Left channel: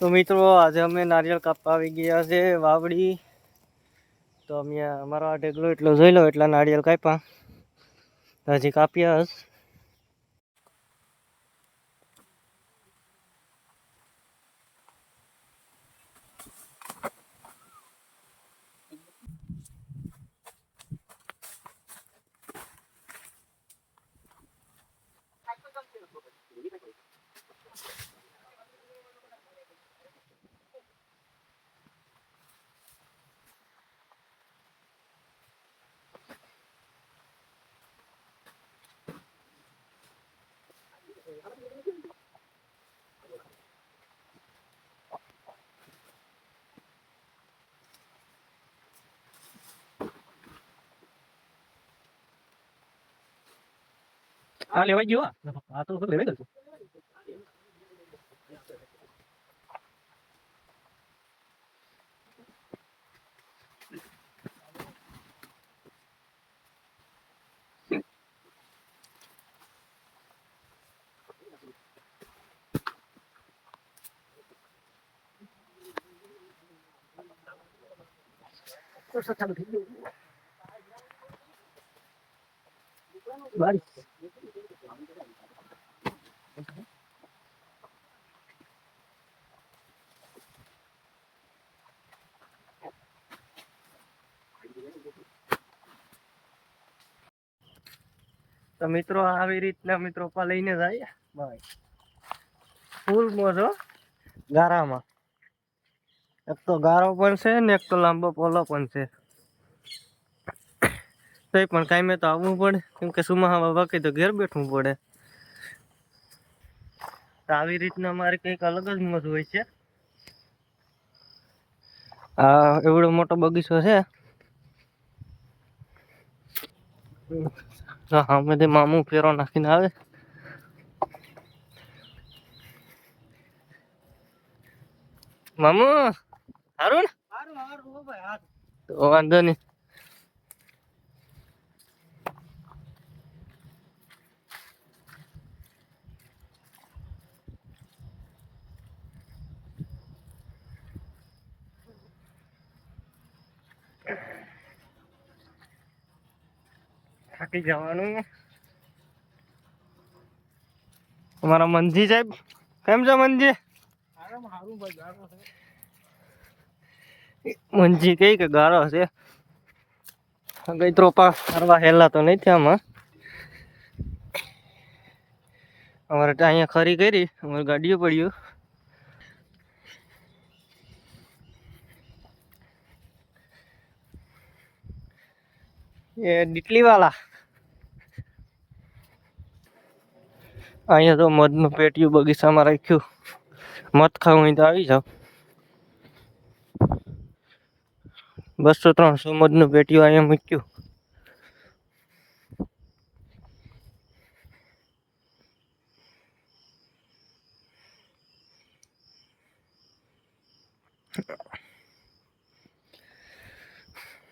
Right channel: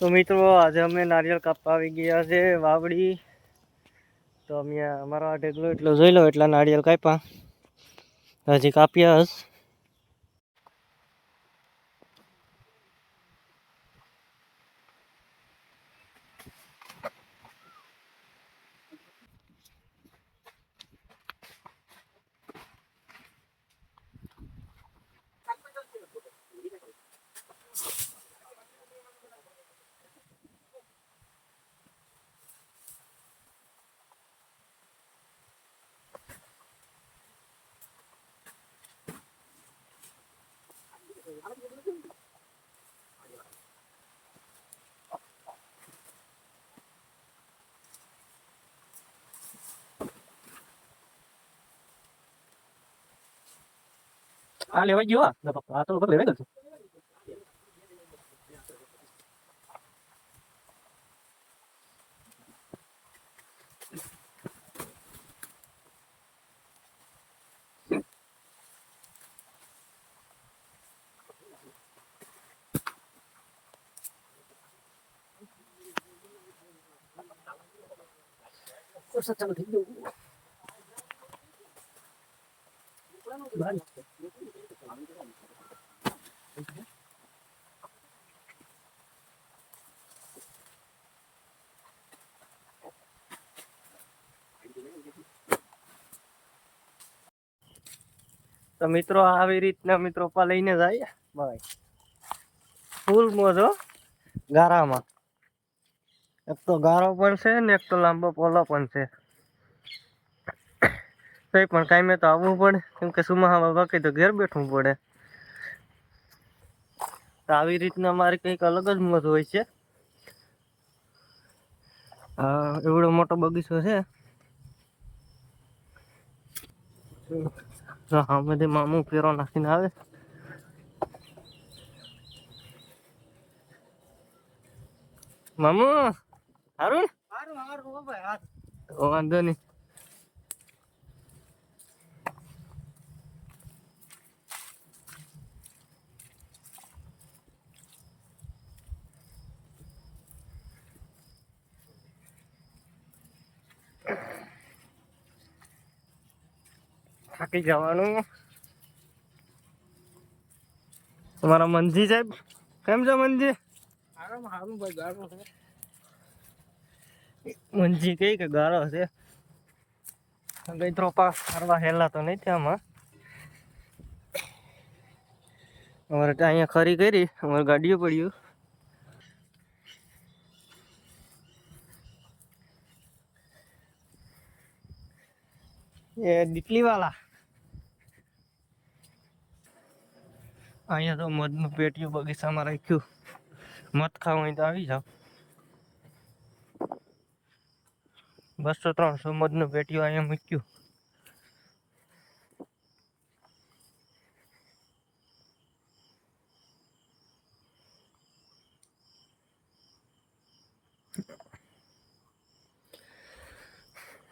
તો મિત્રો આજે અમે નારિયેળ કાપવા આવી ગયા છે વાવડી. તો અમે અમારો આ ઢેગલો એટલો જોઈ લો એટલા નારિયેળ કાપ્યા હજી કાપ્યા હશ. આ લેવાઈ ગયો આ તો લેવાઈ ગયો. ચાલુ થઈ ગયું. તો મિત્રો આવી રીતના મિત્રો પા લઈને જાય ભાઈ ફૂલ મોજો ગારામાં. એક તો ગારો પણ છે ને એક તો લાંબો પોલો પણ છે. તો પણ કાંઈ તો આવવું પડે કેમ કે સુમાહામાં બાકી તો ઘેર બેઠવું પડે. તો આવી રીતના અમારે કંઈક અલગ જ મોજ હોય છે. આ એવડો મોટો બગીચો છે. હા મેં મામું ફેરો નાખીને આવે. મામું હારું ને તો વાંધો નહીં. થાકી જવાનું. તમારા મનજી સાહેબ કેમ છો મનજી? મનજી કઈ કે ગારો છે ગઈ ત્રોપા કરવા હેલા તો નહીં થયા આમાં. અમારે ત્યાં અહીંયા ખરી કરી અમારે ગાડીઓ પડ્યું. એ ડીટલી વાળા અહીંયા તો મધનું પેટીયું બગીચામાં રાખ્યું. મધ ખાવું હોય તો આવી જાવ. 200-300 મધનું પેટીયું અહીંયા મૂક્યું.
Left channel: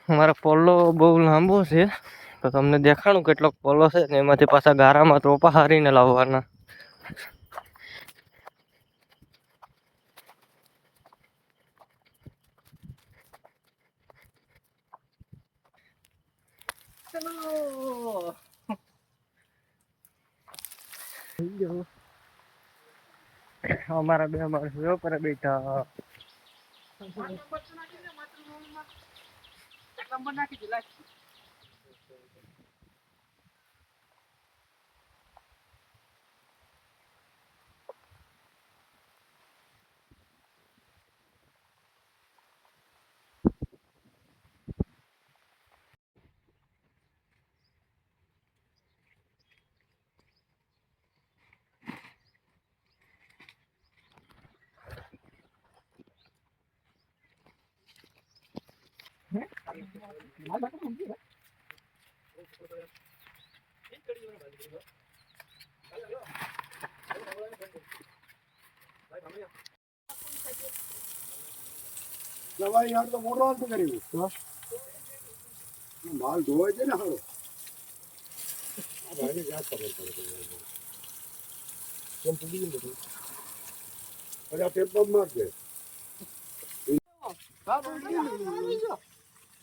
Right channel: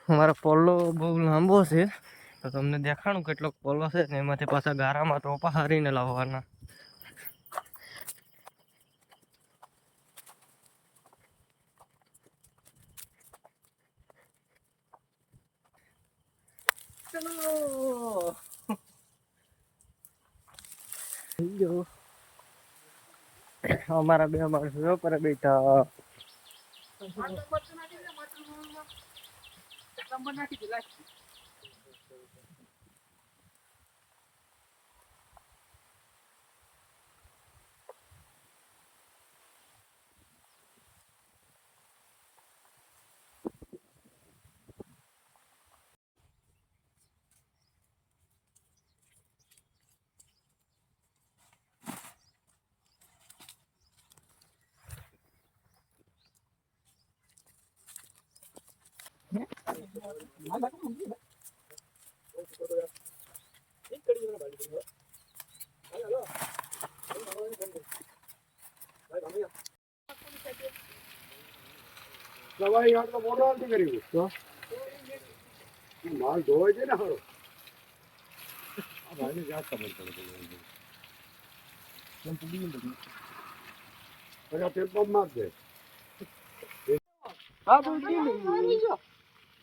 અમારો પોલો બહુ લાંબો છે તો તમને દેખાડું કેટલોક પોલો છે ને એમાંથી પાછા ગારામાં ત્રોપા હારીને લાવવાના. ચલો અમારા બે માણસો પર બેઠા. દવાઈ યાર તો મોટો નથી કર્યું માલ ધોવાય છે ને હારો અરે તે પગ મારશે.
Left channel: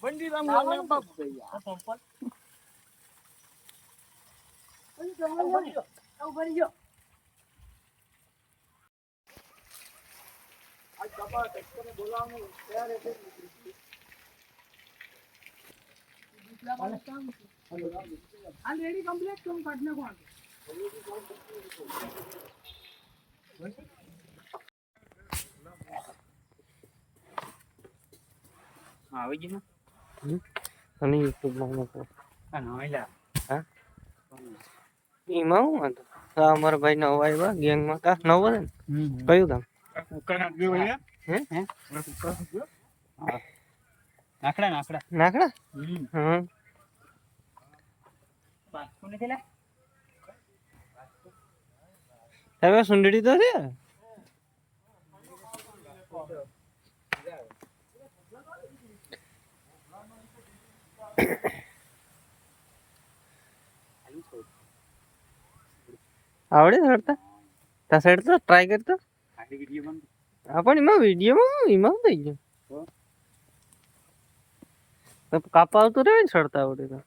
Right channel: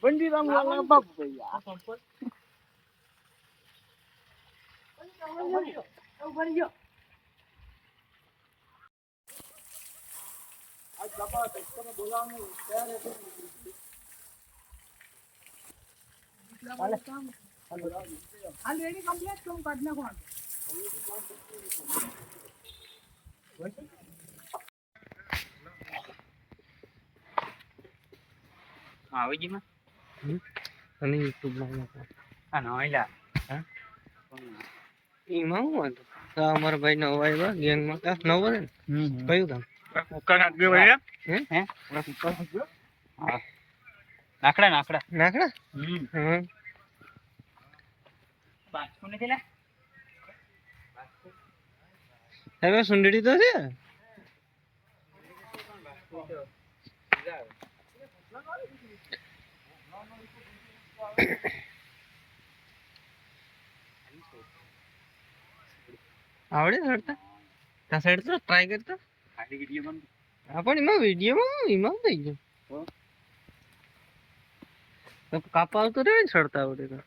બંડી રામ બાપ ગયા આ બાબા તને બોલાવવાનું ત્યારે છે. રેડી કમ્પ્લીટ કેમ કાઢ નાખો આવી ગઈ અને યુટ્યુબ માં નાખો આ નોઈલા હા ઈમાં હું હતું આ અમારા ભાઈ નવો આવ્યા ગેંગમાં કા નવો છે ને કયું કામ કના ગયો ભાઈ હે હે નાખડા નાખડા નાખડા હા બાસ્કો નથી લે હવે સુંદડી તો છે આવડે ચડતા તા સાઈડ તો ટ્રાય કરતો આડી વિડિયો બન પણ એમાં વિડીયોમાં એમાં થઈ ગયું તો કાપા આવતું રહે ને ચડતા આવડે તો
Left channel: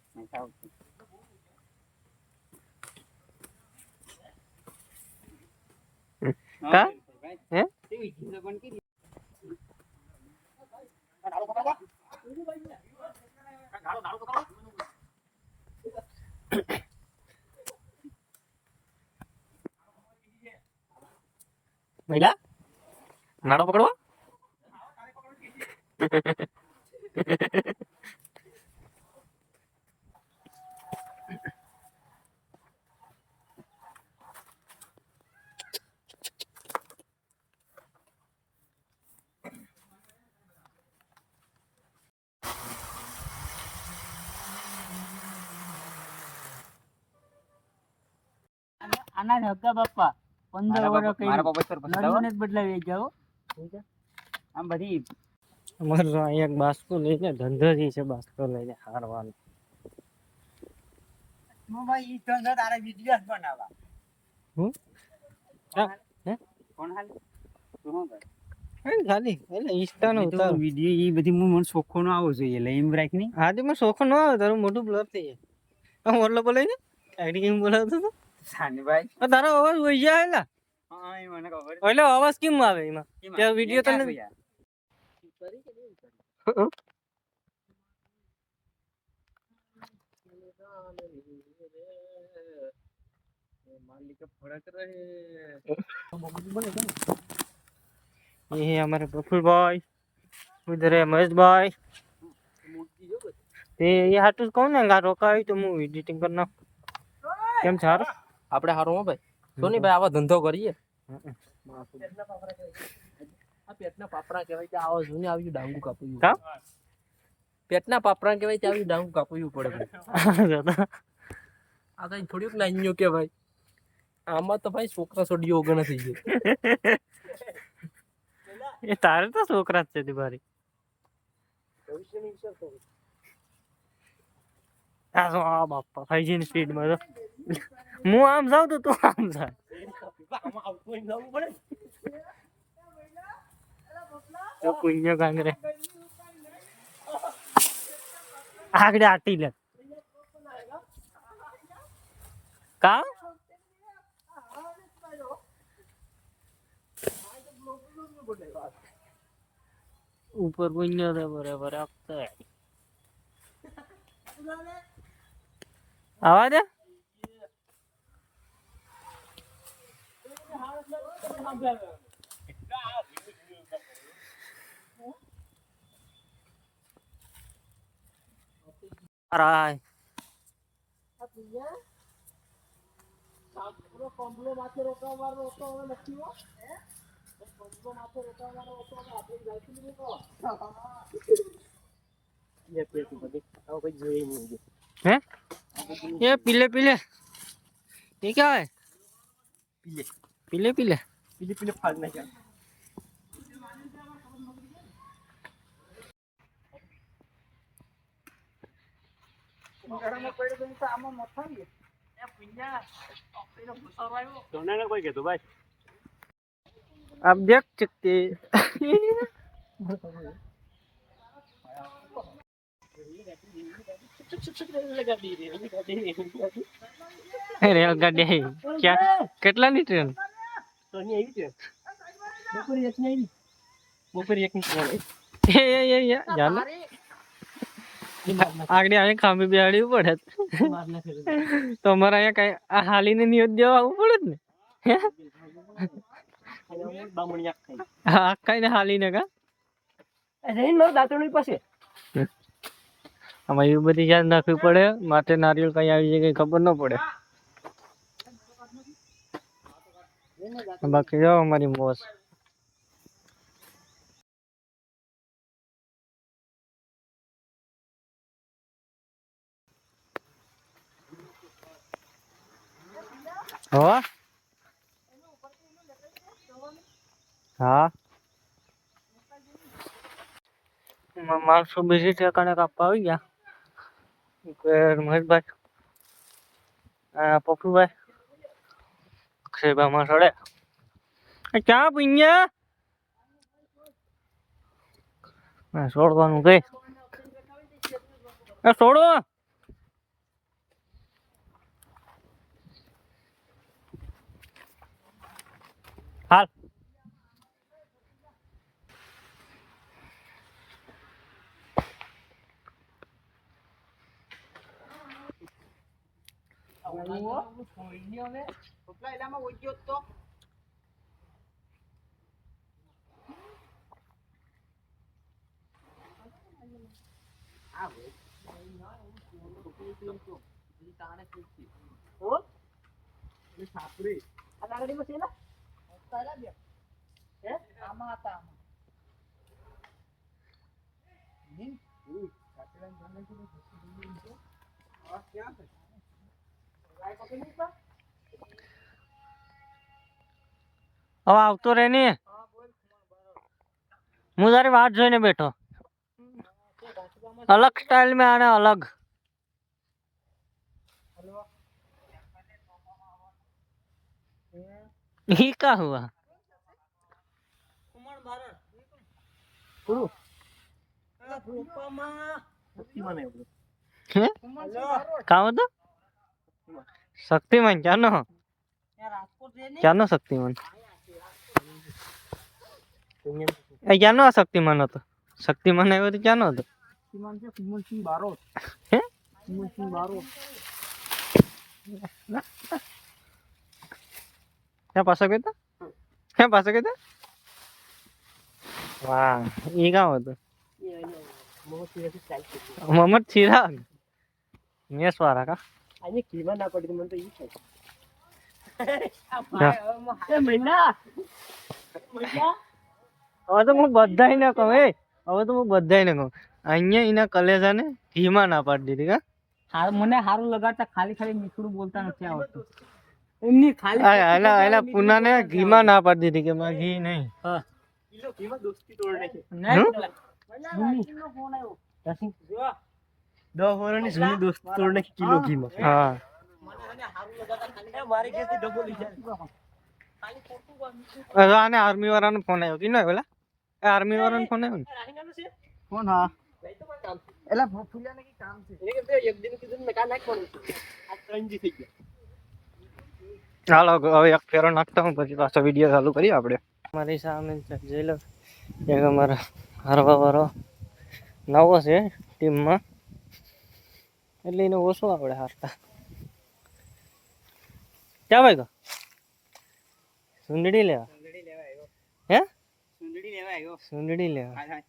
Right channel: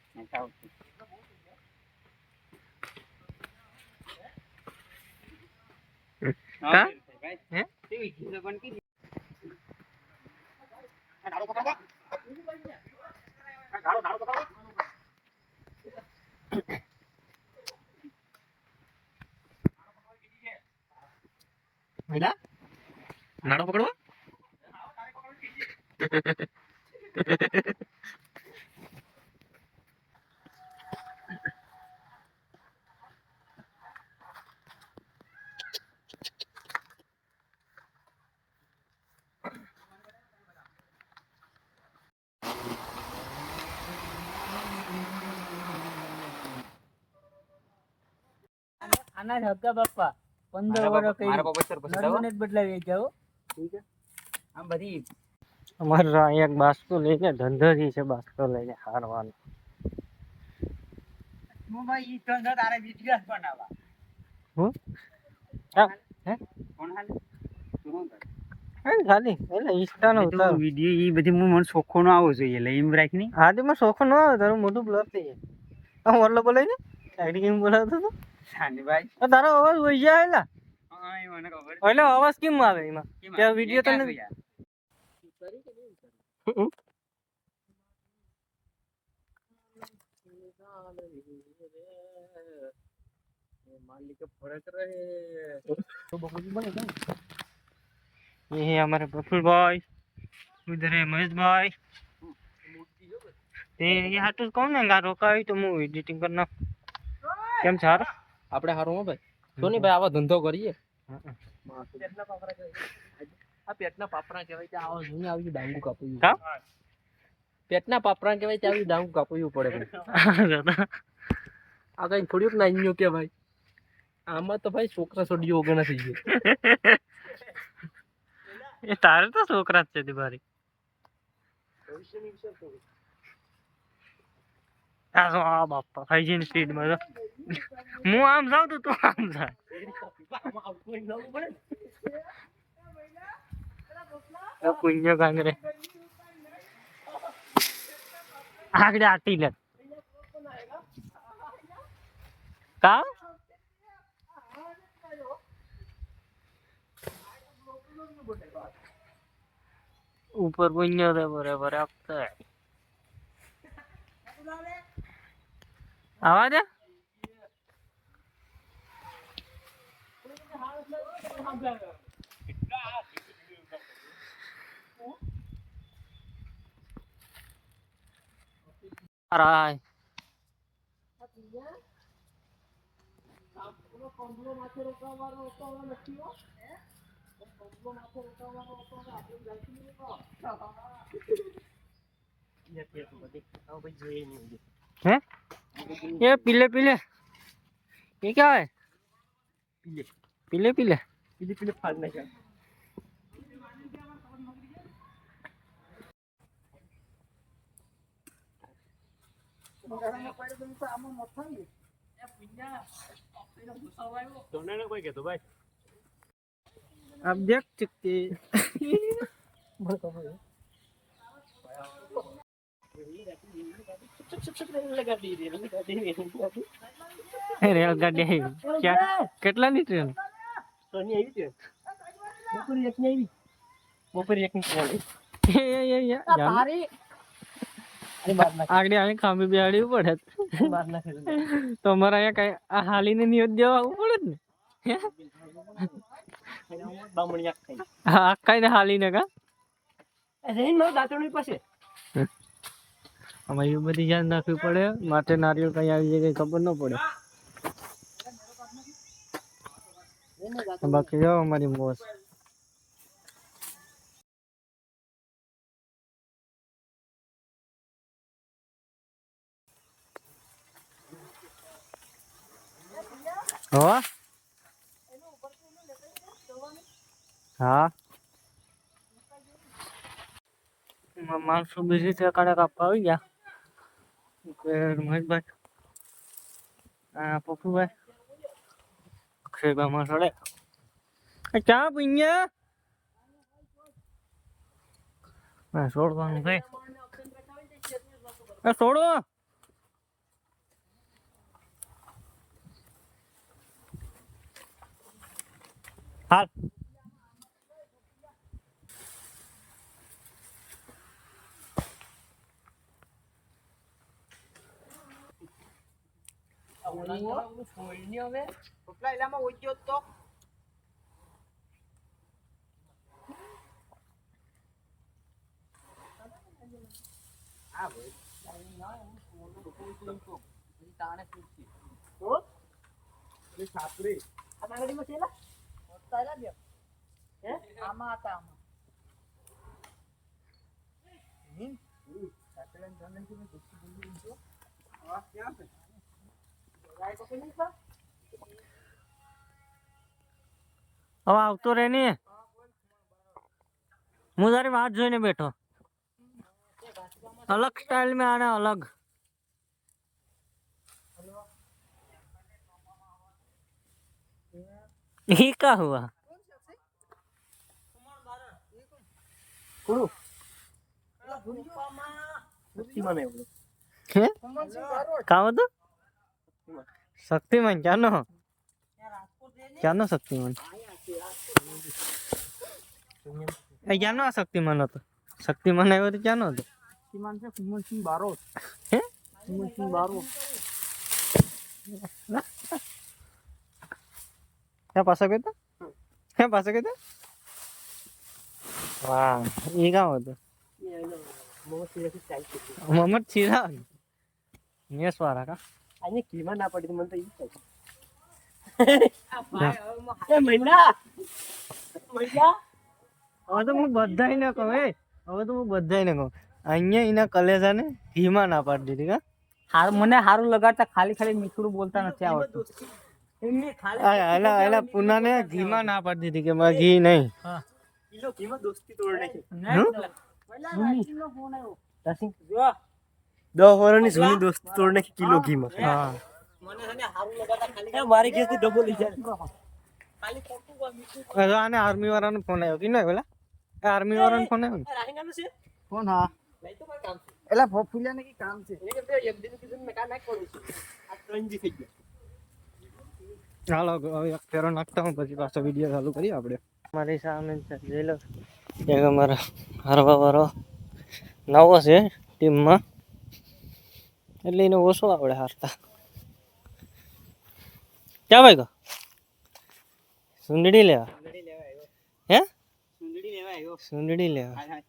કા હે તે વિડિયો બન કરી મહિલા નાડો પકડવા આના હક્કા બાપા 15 વર્ષ કઈ મારા બાપા સર પછી નરમને જ બદલાવી જાવ આમ બધી અમારે અહીંયા એક બાસ્કો લઈને ધંધો જ છે બાસ્કો લઈને હારવાનો હું ભાઈ ઈ ધંધો તારે વિડિયો બનાવવા હું હે કોણ હાલ તું હું કર ખાલી એટલે ઇન્સ્ટાનો ઉતાર વિડિયો ઈ બધી મને શોખો નો આવો જોઈએ એટલે એમ રાખની આદિમાં શોખ ન આવે તારું મોટું બ્લર થઈ જાય આમ ઓરલો બોલાય ને આઈડી કેમ બોલાવતો તો સાનીભાઈ તારો અવાજ વહી જાય એલા હા એ મને ખબર એટલે અવાજ કેમ આવે એમાં ત્યાં વિડિયો તને ये है हमारे प्रफुल भाई उधर है महेश भाई ये हाटू कौन है गा रोका है तो मु एडिटिंग करना केम छार આપણે હારું હો ભાઈ સોની ભાઈ આવા ધંધો કરીએ આ પેટના પાપરા કહેવાય કે આવો જોઈને આવ્યું ડાંગુ કાપવું કા પેટના પાપરા કહેવાય કે આવ્યું ડાંગુ કાપવું પડે ભાઈ આ કઈ થોડુંક નાન્યો કે ભાઈ આમાં તો ભાઈ છોકરા છોડીઓ વગર નથી ગયો ये तारे तो છોકરા જ છે દીવારી આ બાપા ફાઈજી ની સ્પીડ માં હું આમ જાઉં તો તું આમ જા પુણ્ય કાંગરે આગળ આટી લે કા ऊपर पुण्य दे बराबर आपका आवाज है अराय हैं ये पीले पीले ये क्या है पीले पीले पीले पीले पीले फल नहीं क्या કોઈ કહેતું ભાઈ आप देख सकते રેલગાડી આવી ક્યાં કેટલાની ટ્રેન બપોરે એક ની ટ્રેન એ જાને આગળ આવે ખાંભી બેહાડી પડે તો અમારે અહીંયા કઈ આ હાલીને નિયત દેવા આવવું પડે જ ને બામણિયા ખાઈ હા કઈ ને હાલીને કા રહીને મારું દાંતણું પાસે આમાં એવી બધી ધ્યાન રાખવી પડે માટે નારિયેળ કઈ આવી જાય કઈ ખબર ન પડે બાકી જો અમારી મોજ હો હા માણસો બીજી ઠેકાણે કાપવા આવી ગયા મહેશભાઈ પપ્પુભાઈ અક્ષયભાઈ સડે ક્યાં પીન્યા છોડવાનું કઈ છોડો હાલ પપલા એલામાં ઓછો તો હવે આવતો રે ને હું તારી વાત જોઈને બેઠો अलग स्टाइल में आना अलग ये क्या हुआ क्या होता शक्तिमान क्या नो शक्तिमान क्या नो शक्तिमान होता शक्तिमान आयो तो क्या नो होता કુમલસિંહ બારોટ હે કુમલસિંહ બારોટ क्या पास गए था क्या पास गए था वाह ये क्या होता मोहम्मद चिराग ये स्वारा का આને કીમાં ના પડી મને તો ઈ થાય હવે તો હું બધાય ને કહું હવે તો હું બધાય ને કહું અહીંયા એના કલેજાને ઘીમાં ના પાડી દીધી કા મને સારું લગાડતા ખાલી ખાલી મીઠું બોલતા નથી આવડતું એમની ખાલી એલા પુનાને ઘીમાં ના પાડી દીધી કે મારે ઘી નહીં કિલો કીમાં દોસ્તી તોડ નાખી ફોન આવ્યો 10 વર્ષની જૂની દોસ્તી તોડ નાખી કિલો ઘીમાં હા મારી કેસથી ડબલ લઈ જાય હવે આને આર્મી વાળાનો ફોન આવ્યો કે નહીં પેલા આર્મી વાળાનો ફોન આવ્યો ને ફોન હા લઈ તો કોઈ કામ છે એલા ફૂલિયાને કી કામ છે એને કે એક દિન કીધું મેં કા નાખવાનું છે આ 3 જી થઈ ગયા હાલો હવે એક ફેરો નાખતા હું પછી પાછો વિડીયો ચાલુ કરીએ આપણે મારી સામે જોઈ લો એક અમારા હારવા વાળો નવો છે ટીમમાં એટલે એને ઓછો આવડે હારતા ક્યાં ભાઈ ગો સુંદડી લેવા હે સુંદડી લેવા આવ્યો સુંદડી લેવા હાય હાય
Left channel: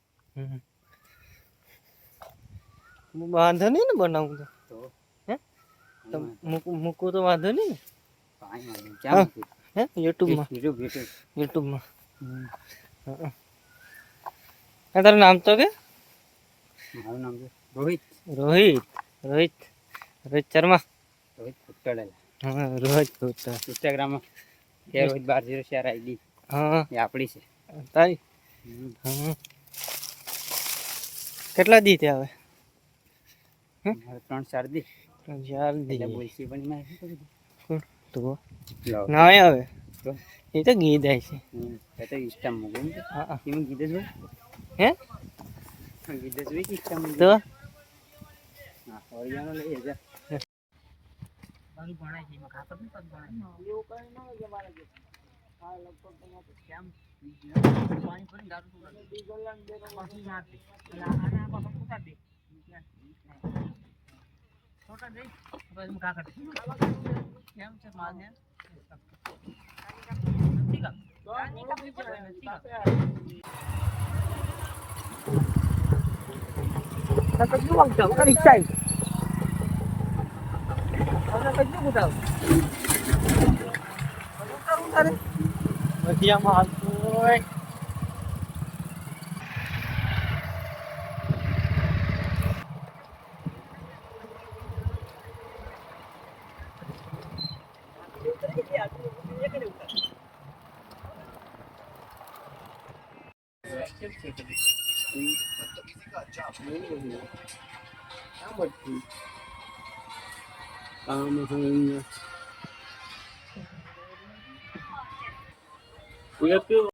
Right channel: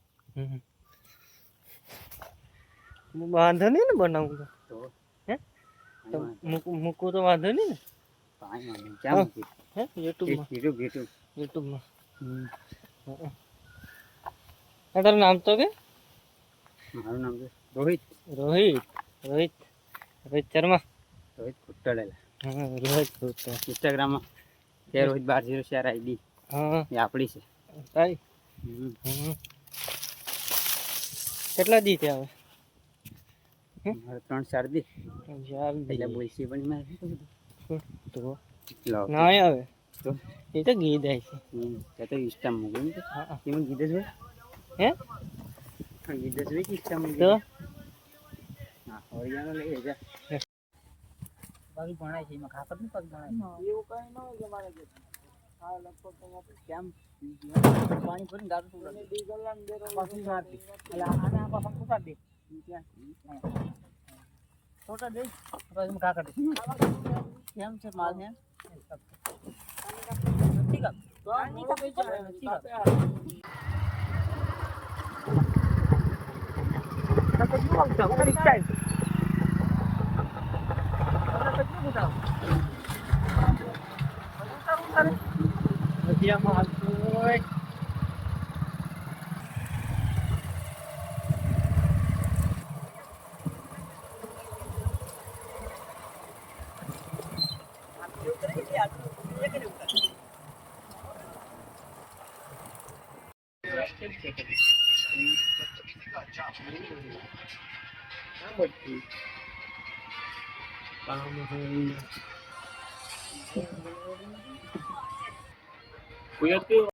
વાંધો નહીં ને બનાવું તો હે તો મૂકવું તો વાંધો નહીં ને કાઈ વાંધો ક્યાં હે યુટ્યુબમાં યુટ્યુબમાં તારું નામ તો કે મારું નામ છે રોહિત રોહિત રોહિત રોહિત શર્મા રોહિત કુટ્ટડેલા હા રોહિત રોહિત ઇન્સ્ટાગ્રામમાં કે રોહિત 1204 આઈડી હા એ આપણી છે તારી કેટલા દી થયા હવે મારે 3-4 દી ચાર એટલે દી બોલસી પણ મેં તો લાવ ના આવે તો એ તો ગીત છે. એ તો ઇન્સ્ટા મૂકે ને હા કેમ કીધે છે હે કીધે છે કે ઇન્સ્ટા મૂકે તો હા ઓરિયાનો લઈ જા પગ ભણાય છે એમાં ખાતર નહીં પગ ભણાય એવું કઈ ન હોય કે મારે કે હા લગભગ અહીંયા કેમ પાણી ભરીને દારૂ પીવાનું. તો ડીઝલ ને બેરો પાછી મારતી. એટલે આને આ પાછા ફૂટા દે ફોટા દે પછી હું કાકા દે કેમ છે માલ ને ઠીક છે તો આ મોડો થઈ જાય ને તાપે આ મધ્યમાં હાલતું હોય.